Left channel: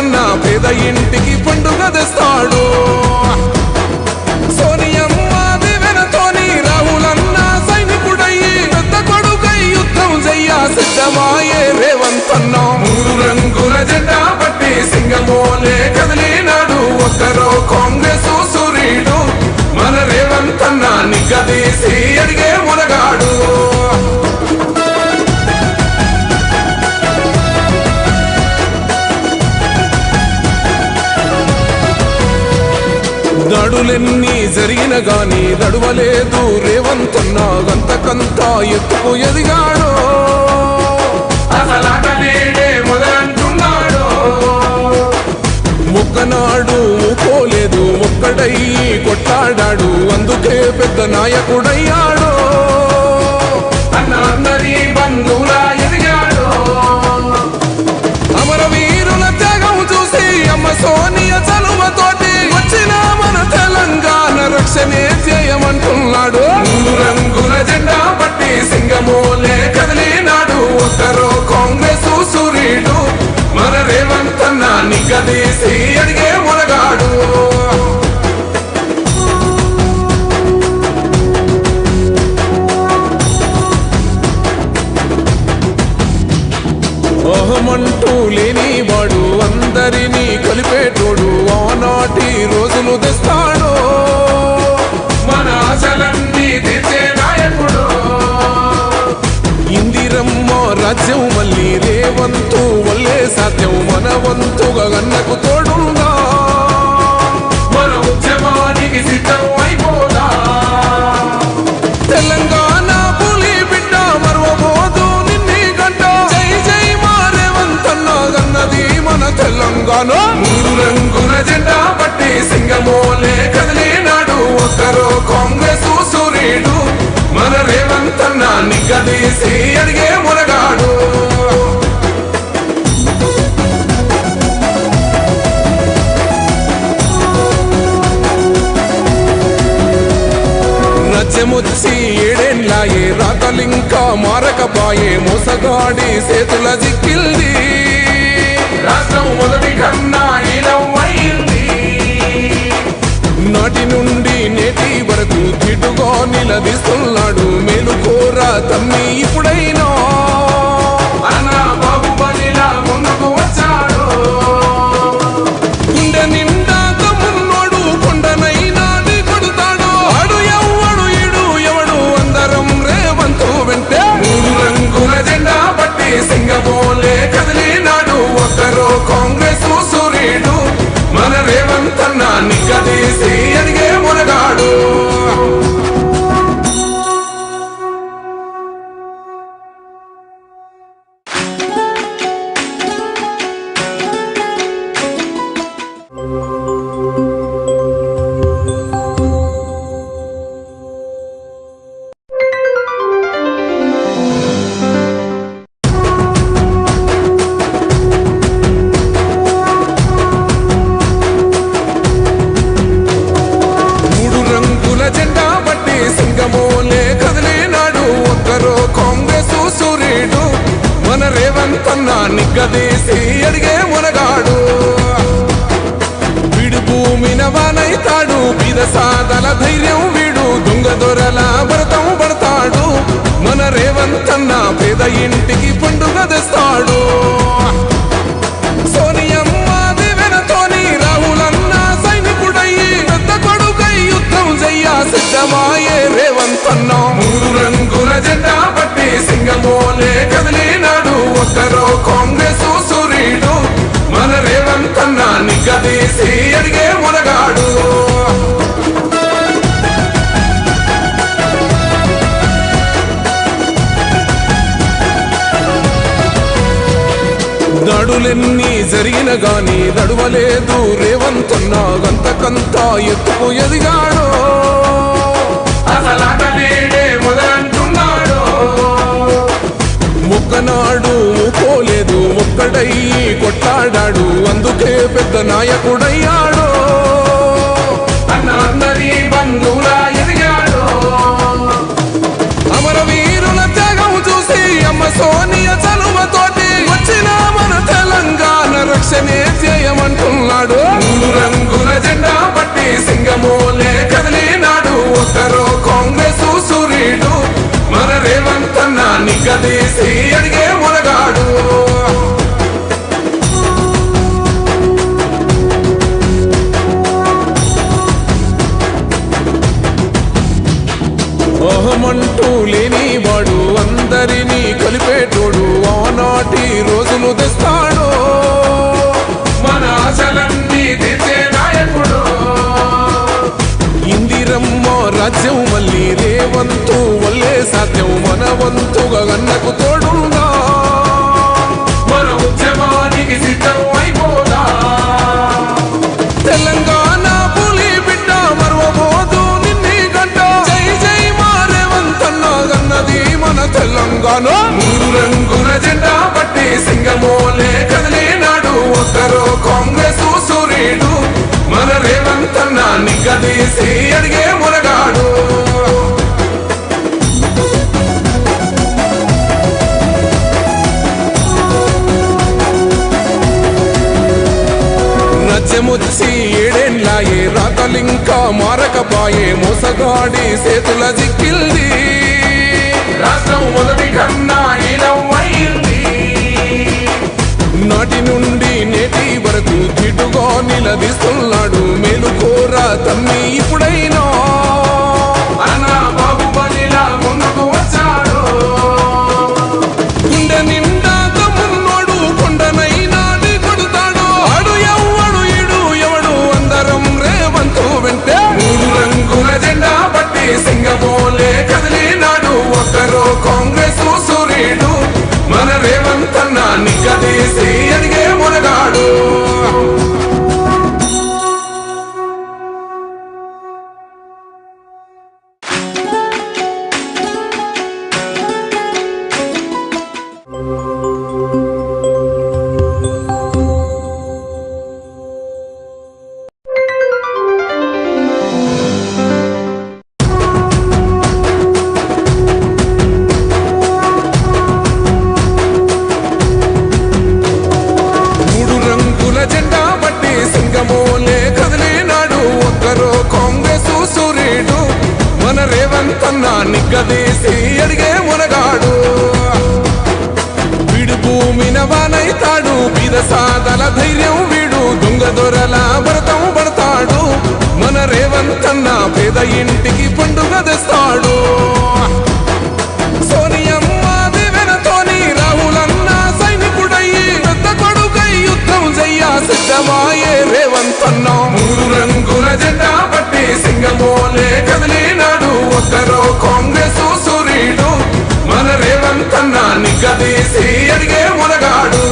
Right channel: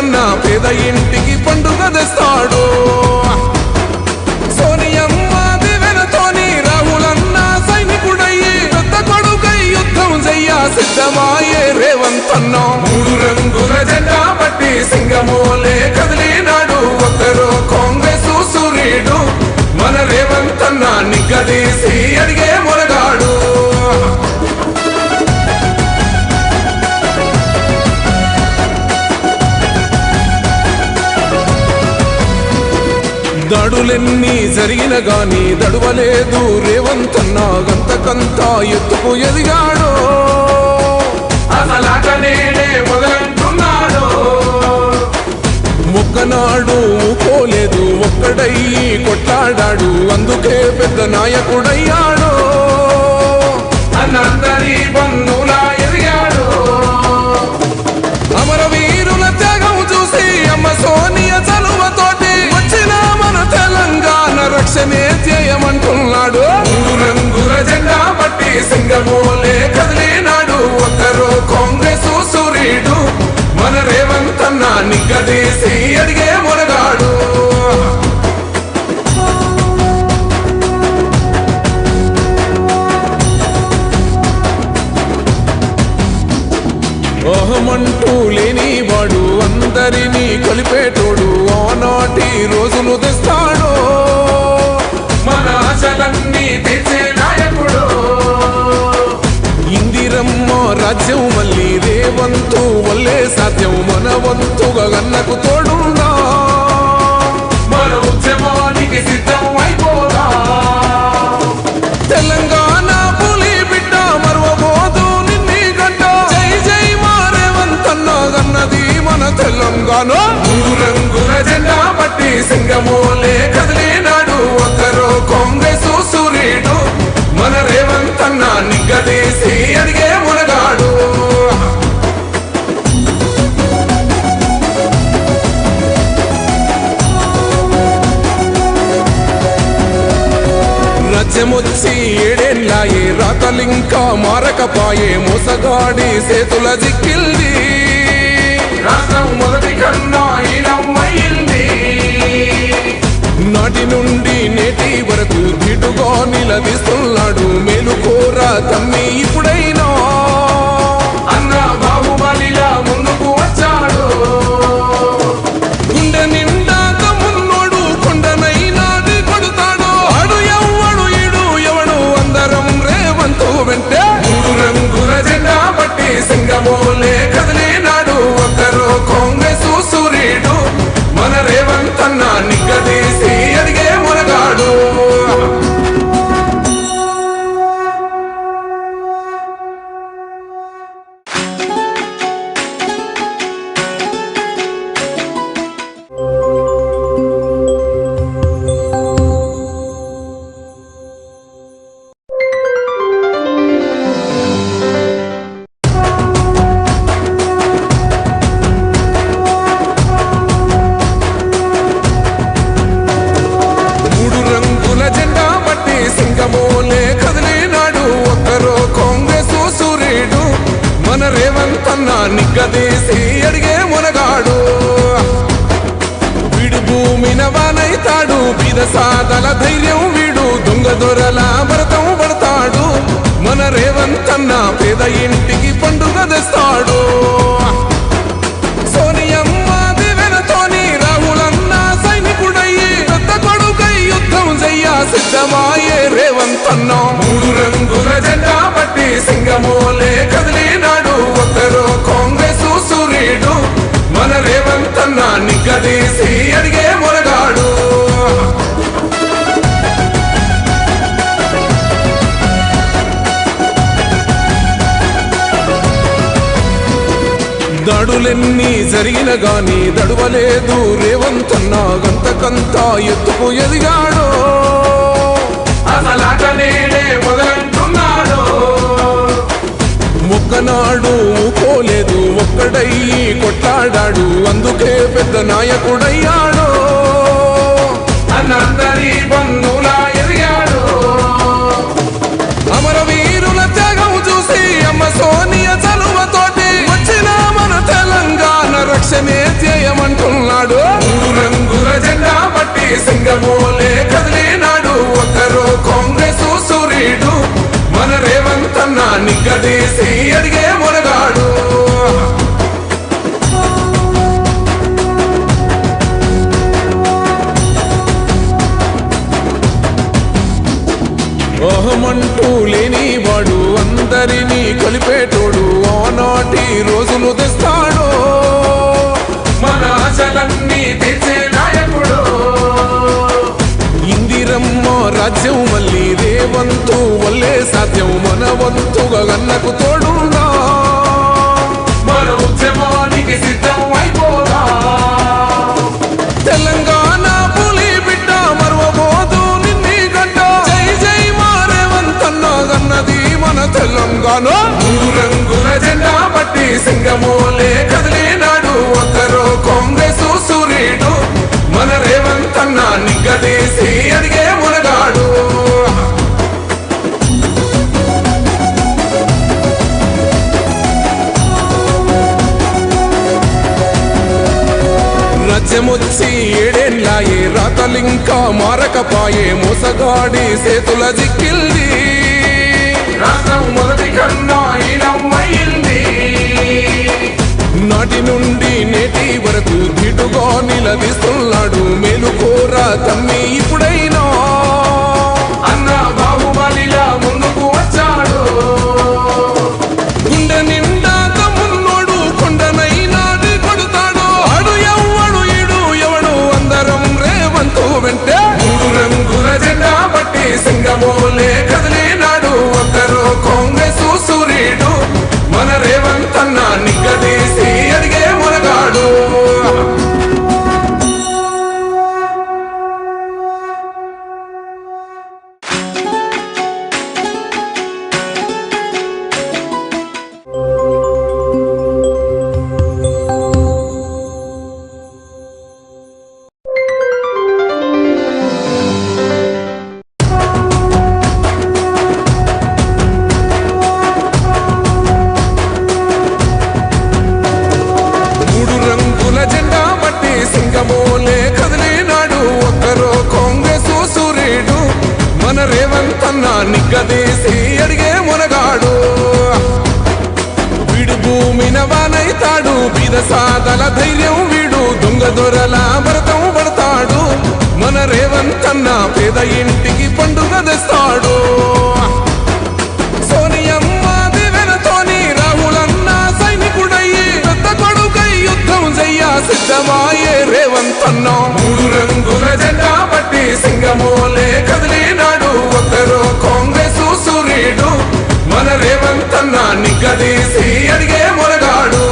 రేవంతన్న పేద ఇంటికి పండుగ తెస్తాడు. సోనియమ్మ దివెనతోని రాహులన్న సైనికుడయ్యి పెద్ద కొడుకై యుద్ధం చెయ్య సిద్ధమాయే రేవంతన్న. 3 రంగుల జెండా పట్టి సింగమోలే కదిలినాడు ఒక్కరో కాంగ్రెసు సూర్యుడు. మన రేవంతన్న నిగ్గదీసి అడిగే మొనగాడు. దాడులెన్ని జరిగిన గాని దడువలేదు రేవంతన్న గంతకంతా ఎత్తుకు ఎదిగాడు. మొక్కనాడు ఊకోలేదు ఒక్కడయ్యి కొట్లాడాడు అందుకే పెద్ద నాయకుడయ్యాడు. అమరవీరుల త్యాగం చూసి అమ్మ సోనియ చలువతోటి వచ్చిన మన తెలంగాణ రక్షణే చేయమంటున్నాడు. 3 రంగుల జెండా పట్టి సింగమోలే కదిలినాడు ఒక్కరో కాంగ్రెసు సూర్యుడు. మన రేవంతన్న నిగ్గదీసి అడిగే మొనగాడు. అహమంటూ లేనివాడు అందరినీ కలిపేటోడు ఆనాటి రోజులు తెస్తాడు. మన ఆశలన్నీ తీర్చే నాయకుడు. ఇందిరమ్మ రాజ్యం మళ్ళీ రేవంతు వల్లే సాధ్యం మన వంతుగా గన్నకు తోడుందా. మన ఉద్యమానికి సిద్ధం అయిపోదా. తెలంగాణ పులి బిడ్డ మరవబోదు నిన్ని గంట. జై జై మా రేవంతన్న గన్నది మన తెలంగాణ. 3 రంగుల జెండా పట్టి సింగమోలే కదిలినాడు ఒక్కరో కాంగ్రెసు సూర్యుడు. మన రేవంతన్న నిగ్గదీసి అడిగే మొనగాడు. రాజ్యమొచ్చి 7 ఏళ్లాయే రాతలింకా మారకపాయే మోసగాడి సేతుల జిక్కిల్ది. రాష్ట్రం మొదటి కన్నా ఇలవైంది. నాటి నుండి నేటి వరకు ధీటుగా నిలదీస్తున్నాడు మేలుకోరా తమ్మి ఇప్పుడైనా. ముందుకు వచ్చాడు గుండె నిండా తమ్మున్నోడు కొండనైనా కొడుతాడు. ఆడు ఎవ్వడు ఈడు ఎవడు అందరం రేవంతు వెంటే. 3 రంగుల జెండా పట్టి సింగమోలే కదిలినాడు ఒక్కరో కాంగ్రెసు సూర్యుడు. మన రేవంతన్న నిగ్గదీసి అడిగే మొనగాడు. జెండా పట్టి సింగమోలే కదిలినాడు ఒక్కరో కాంగ్రెసు సూర్యుడు. మన రేవంతన్న నిగ్గదీసి అడిగే మొనగాడు. వీడు భూమిన వానైతాడు బీద సాదల ధైర్యం వీడు. దొంగ దొరల భరతం పడతాడు. మన రేవంతన్న పేద ఇంటికి పండుగ తెస్తాడు. సోనియమ్మ దివెనతోని రాహులన్న సైనికుడయ్యి పెద్ద కొడుకై యుద్ధం చెయ్య సిద్ధమాయే రేవంతన్న. 3 రంగుల జెండా పట్టి సింగమోలే కదిలినాడు ఒక్కరో కాంగ్రెసు సూర్యుడు. మన రేవంతన్న నిగ్గదీసి అడిగే మొనగాడు. దాడులెన్ని జరిగిన గాని దడువలేదు రేవంతన్న గంతకంతా ఎత్తుకు ఎదిగాడు. మొక్కనాడు ఊకోలేదు ఒక్కడయ్యి కొట్లాడాడు అందుకే పెద్ద నాయకుడయ్యాడు. అమరవీరుల త్యాగం చూసి అమ్మ సోనియ చలువతోటి వచ్చిన మన తెలంగాణ రక్షణే ధ్యేయం నిగ్గదీసి అడిగే మొనగాడు. అహమంటూ లేనివాడు అందరినీ కలిపేటోడు ఆనాటి రోజులు తెస్తాడు. మన ఆశలన్నీ తెచ్చే నాయకుడు. ఇందిరమ్మ రాజ్యం మళ్ళీ రేవంతు వల్లే సాధ్యం. మన వంతుగా గన్నకు తోడుందా, మన ఉద్యమానికి సిద్ధం అయిపోదా. తెలంగాణ పులి బిడ్డ మరువబోదు నిన్ని గంట. జై జై మా రేవంతన్న గన్నది మన తెలంగాణ. 3 రంగుల జెండా పట్టి సింగమోలే కదిలినాడు ఒక్కరో కాంగ్రెస్ సూర్యుడు. మన రేవంతన్న నిగ్గదీసి అడిగే మునగాడు. రాజ్యమొచ్చి 7 ఏళ్లాయే రాతలింకా మారకపాయే. మోసగాడి సేతుల జిక్కిల్ది రాష్ట్రం మొదటి కన్నా ఇలమైంది. నాటి నుండి నేటి వరకు ధీటుగా నిలదీస్తున్నాడు. మేలుకోరా తమ్మి ఇప్పుడైనా అన్న బాహుబలిలా ముందుకు వచ్చాడు. గుండె నిండా తమ్మున్నోడు కొండనైనా కొడుతాడు. ఆడు ఎవ్వడు ఈడు ఎవడు అందరం రేవంతు వెంటే. 3 రంగుల జెండా బట్టి సింగమోలే కదిలినాడు ఒక్కరో కాంగ్రెస్ సూర్యుడు. మన రేవంతన్న నిగ్గదీసి అడిగే మునగాడు. జెండా బట్టి సింగమోలే కదిలినాడు ఒక్కరో కాంగ్రెస్ సూర్యుడు. మన రేవంతన్న నిగ్గదీసి అడిగే మునగాడు. వీడు భూమిన వానైతాడు బీద సాదల ధైర్యం వీడు. దొంగ దొరల భరతం పడతాడు. మన రేవంతన్న పేద ఇంటికి పండుగ తెస్తాడు. సోనియమ్మ దివెనతోని రాహులన్న సైనికుడయ్యి పెద్ద కొడుకై యుద్ధం చెయ్య సిద్ధమాయే రేవంతన్న. 3 రంగుల జెండా బట్టి సింగమోలే కదిలినాడు ఒక్కరో కాంగ్రెస్ సూర్యుడు. మన రేవంతన్న నిగ్గదీసి అడిగే మునగాడు.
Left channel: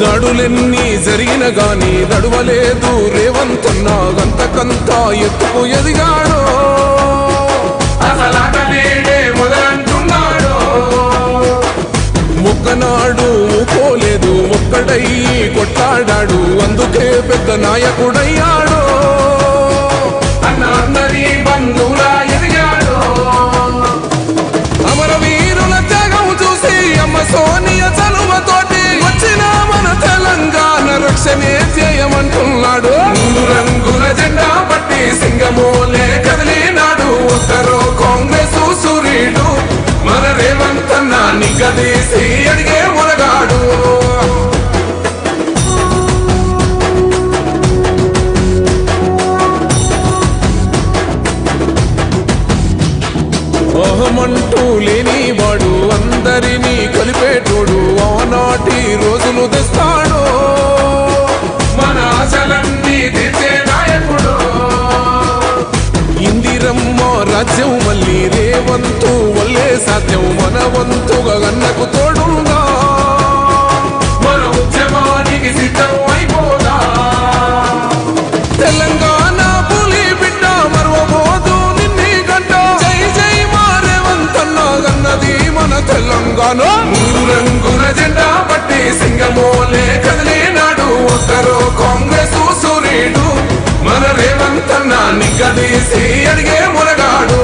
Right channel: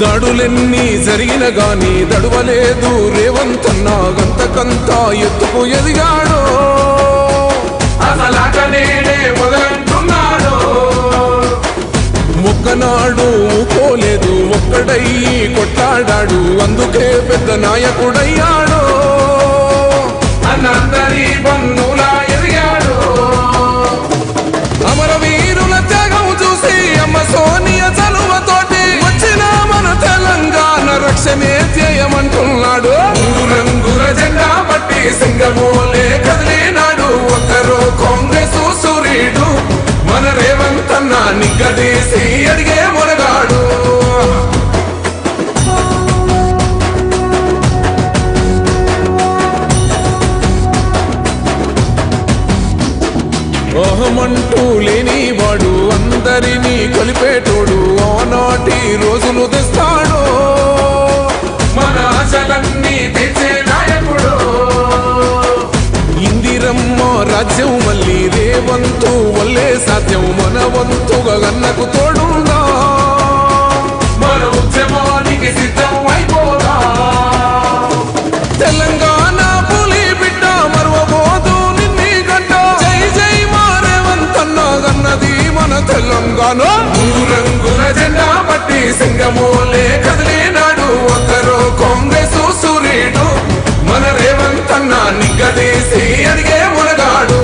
దాడులెన్ని జరిగిన గాని దడువలేదు రేవంతన్న. గంతకంతా ఎత్తుకు ఎదిగాడు. ఒక్కనాడు ఊకోలేదు ఒక్కడయ్యి కొట్లాడాడు. అందుకే పెద్ద నాయకుడయ్యాడు. అమరవీరుల త్యాగం చూసి అమ్మ సోనియ చలువతోటి వచ్చిన మన తెలంగాణ రక్షణే ధ్యేయమంటున్నాడు. 3 రంగుల జెండా బట్టి సింగమోలే కదిలినాడు ఒక్కరో కాంగ్రెస్ సూర్యుడు. మన రేవంతన్న నిగ్గదీసి అడిగే మునగాడు. అహమంటూ లేనివాడు అందరినీ కలిపేటోడు ఆనాటి రోజులు తెస్తాడు. మన ఆశలన్నీ తెచ్చే నాయకుడు. ఇందిరమ్మ రాజ్యం మళ్ళీ రేవంతు వల్లే సాధ్యం. మన వంతుగా గన్నకు తోడుందా, మన ఉద్యమానికి సిద్ధం అయిపోదా. తెలంగాణ పులి బిడ్డ మరువబోదు నిన్ని గంట. జై జై మా రేవంతన్న గన్నది మన తెలంగాణ. 3 రంగుల జెండా బట్టి సింగమోలే కదిలినాడు ఒక్కరో కాంగ్రెస్ సూర్యుడు. మన రేవంతన్న నిగ్గదీసి అడిగే మునగాడు.